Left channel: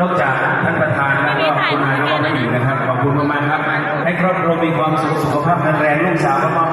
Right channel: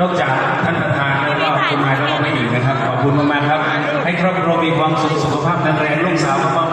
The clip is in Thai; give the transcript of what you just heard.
นอกจากท่านประธานแล้วก็คุณนายก็ให้อีกนะครับ ขอบคุณมากๆครับ ให้ครอบครัวมีความสุขสุขภาพแข็งแรงลูกสาวก็